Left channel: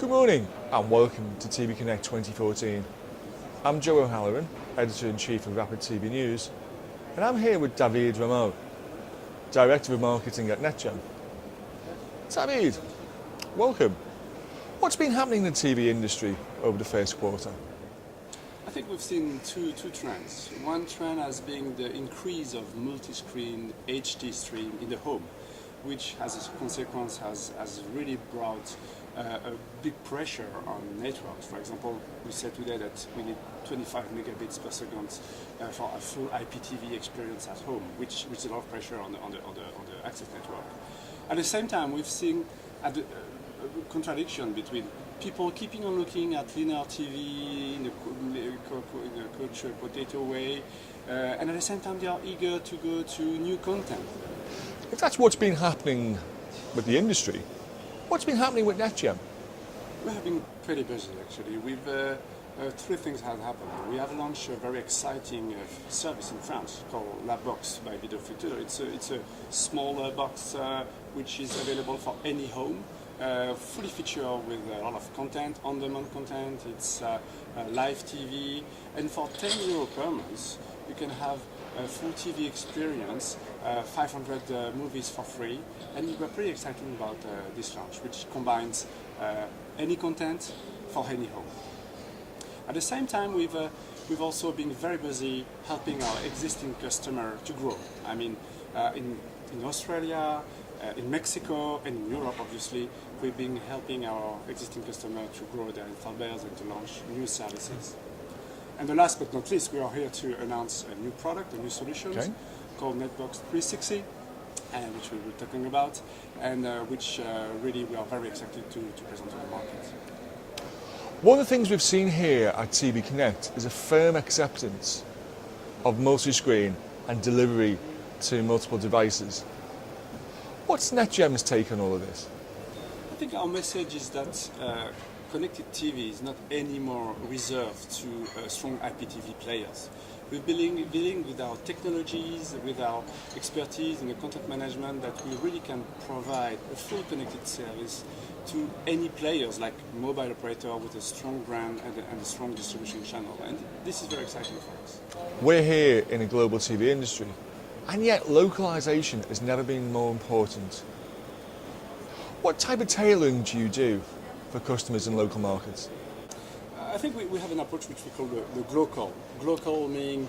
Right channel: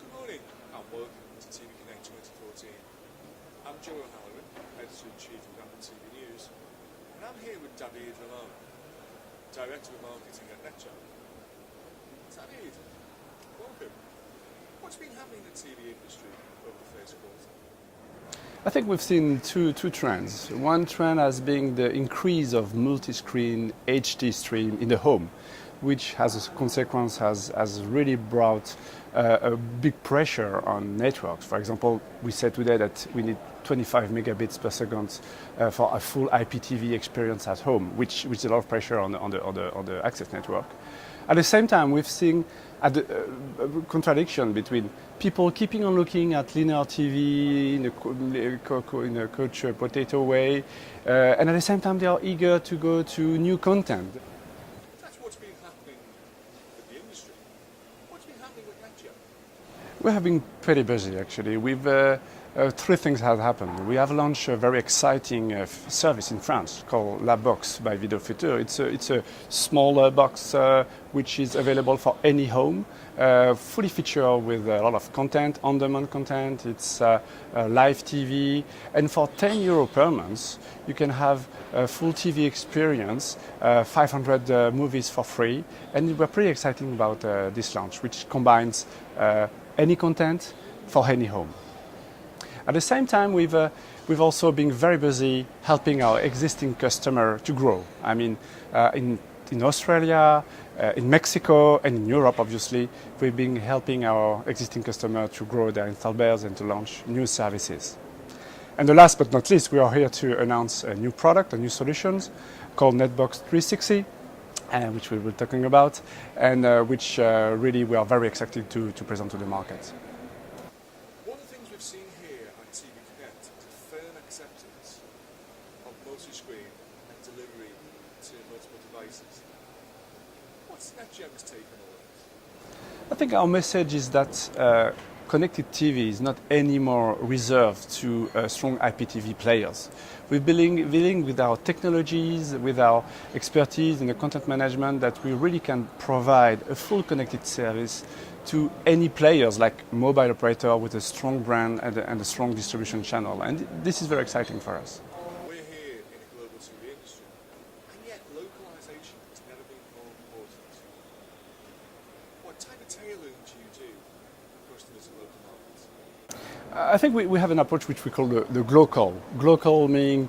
Good morning and welcome to TV Connect 2014. I'm Joe O'Halloran, Editor-in-Chief of Rapid TV News, and I'm here with David Rameau, Director of Marketing at Netgem. David, welcome. What's been happening in the TV industry over the first quarter? I think we've seen two trends. One trend has been the increase of multi-screen HD stream in the home, which as a consequence has really brought a big pressure on networks. For example, we said today that we need 25 megabits per second for a full IPTV experience at home, which is a lot of pressure on the access network. At the same time, we've seen a contradiction between people keeping on looking at linear TV in a couch potato way, and at the same time they are eager to go to new content. If that's what's been happening with the industry, what's been happening with Netgem? We have been pretty busy actually. Three things have happened. We have launched a very exciting service in France called La Box by Video Futur. It's a smaller box which is available for any home, fully featured with a lot of content, on-demand content. It's live TV, and for €10 per month, you can have a full TV experience, 500 movies for free, and we're pretty excited about this launch, which combines any content for any home. At the same time, we've also been very busy helping our existing customer to grow. I mean, in Australia, in Mexico, and in Europe, obviously, we've been helping our existing customer to grow their install base and to launch new services. And the last but not least, we are here to announce a new product, a new solution called Netbox 360, which we will be talking about, and which really we are very excited to present to the market. One of the things we've seen here at TV Connect is a firm acceptance of multi-screen and delivery to multiple devices. What's Netgem's take on all of this? I think our message is that connected TV is not anymore reserved to strong IPTV players. We're dealing with our technologies, with our expertise in the content management, that we really can provide a full connected service to any players, like mobile operator with a strong brand and a strong distribution channel. And this is very exciting for us. We're here in a global TV industry, and yet localization has never been more important. What type of tailoring do you do for customers in local markets? I think we have an approach which we call the glocal. Glocal meaning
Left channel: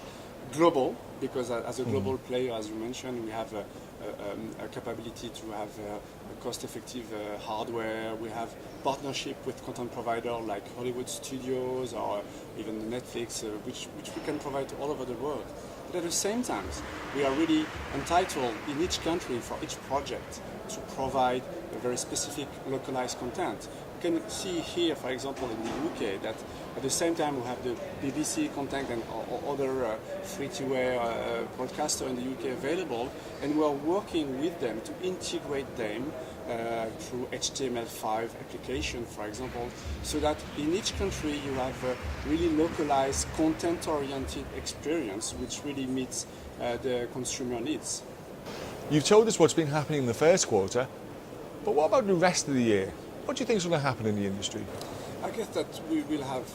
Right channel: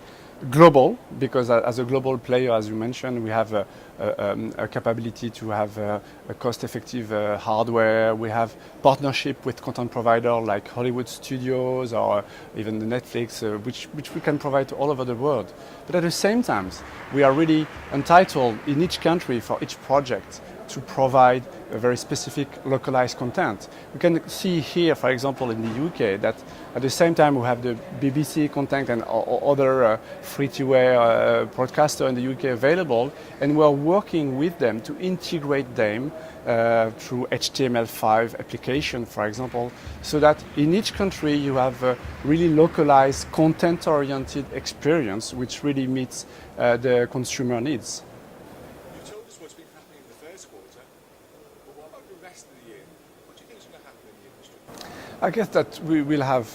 global, because as a global player, as you mentioned, we have a capability to have a cost-effective hardware. We have partnership with content providers like Hollywood studios or even the Netflix, which we can provide to all over the world. But at the same time, we are really entitled in each country for each project to provide a very specific localized content. We can see here, for example, in the UK, that at the same time we have the BBC content and other free-to-air broadcaster in the UK available, and we are working with them to integrate them through HTML5 application, for example, so that in each country you have a really localized, content-oriented experience which really meets the consumer needs. You've told us what's been happening in the first quarter, but what about the rest of the year? What do you think is going to happen in the industry? I guess that we will have,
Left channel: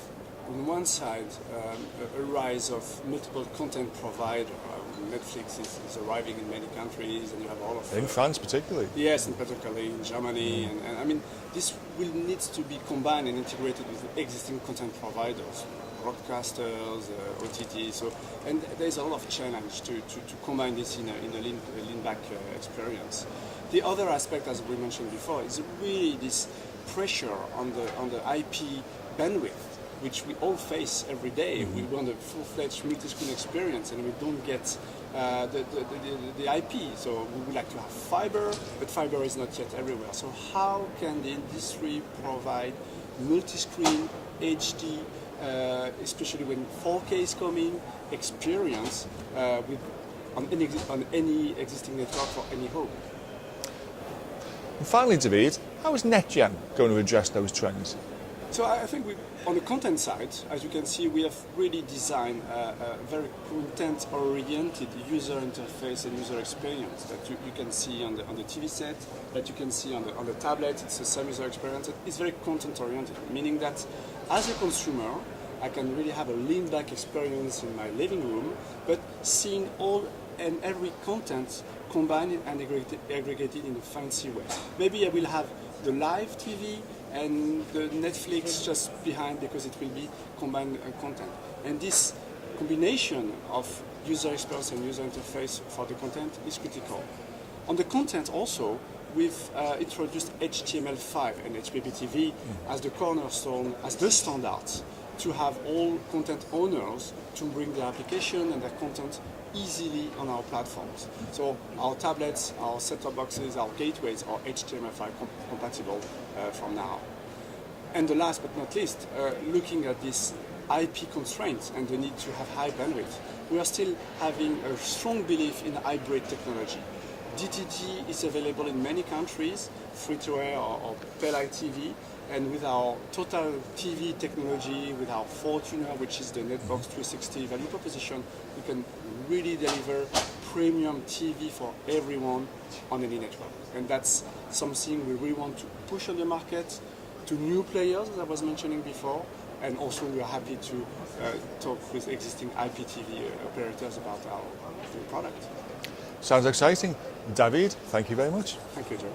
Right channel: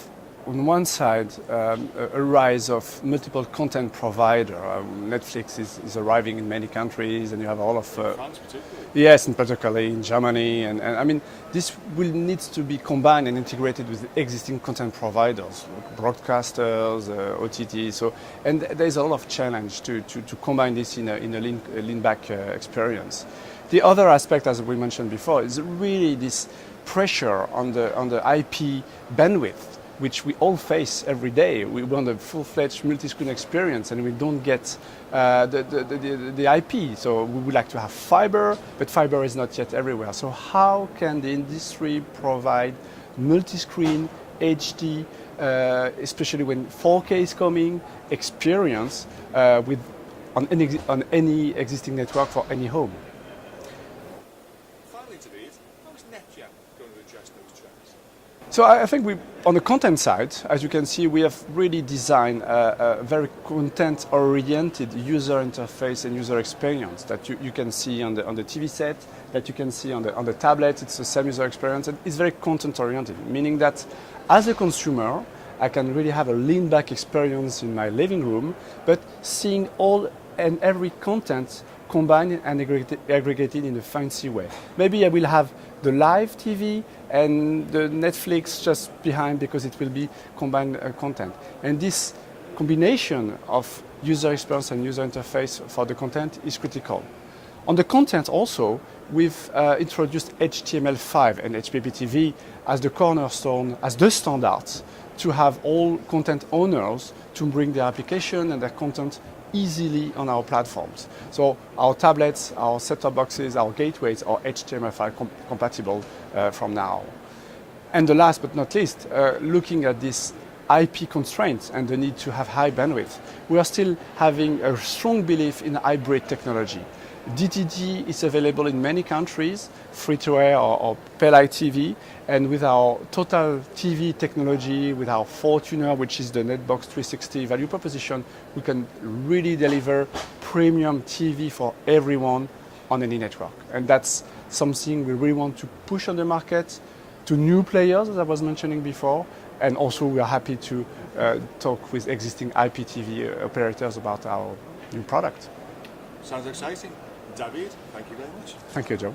on one side, a rise of multiple content providers. Netflix is arriving in many countries, and you have all of... In France particularly? Yes, and particularly in Germany. And I mean, this will need to be combined and integrated with existing content providers, broadcasters, OTT. So, and there's a lot of challenge to combine this in a lean-back experience. The other aspect, as we mentioned before, is really this pressure on the IP bandwidth, which we all face every day. We want a full-fledged multi-screen experience, and we don't get the IP. So we would like to have fiber, but fiber is not yet everywhere. So how can the industry provide multi-screen HD, especially when 4K is coming, experience on any existing network for any home? And finally, David, how is Netgem going to address those trends? So I think on the content side, as you can see, we have really designed a very content-oriented user interface and user experience that you can see on the TV set that you can see on the tablet. It's the same user experience, and it's very content-oriented, meaning that as a consumer, I can really have a lean-back experience in my living room, but seeing all and every content combined and aggregated in a fancy way. Maybe I will have the live TV and the Netflix just behind because it will be combined content. And this combination of user experience and user interface for the content is critical. On the content also, we've introduced HTML5 and HPPTV as the cornerstone, as the standards to have all content owners to bring their application and their content easily on our platforms. So our tablets, our set-top boxes, our gateways are HTML5 compatible from now. And the last but not least, looking at this IP constraints and the need to have high bandwidth, we are still having a strong belief in hybrid technology. DTG is available in many countries, free-to-air or pay-like TV, and with our total TV technology, with our Fortuner, which is the Netbox 360 value proposition, we can really deliver premium TV for everyone on any network. And that's something we really want to push on the market to new players, as I was mentioning before, and also we are happy to talk with existing IPTV operators about our new product. Sounds exciting. David, thank you very much. Thank you, Joe.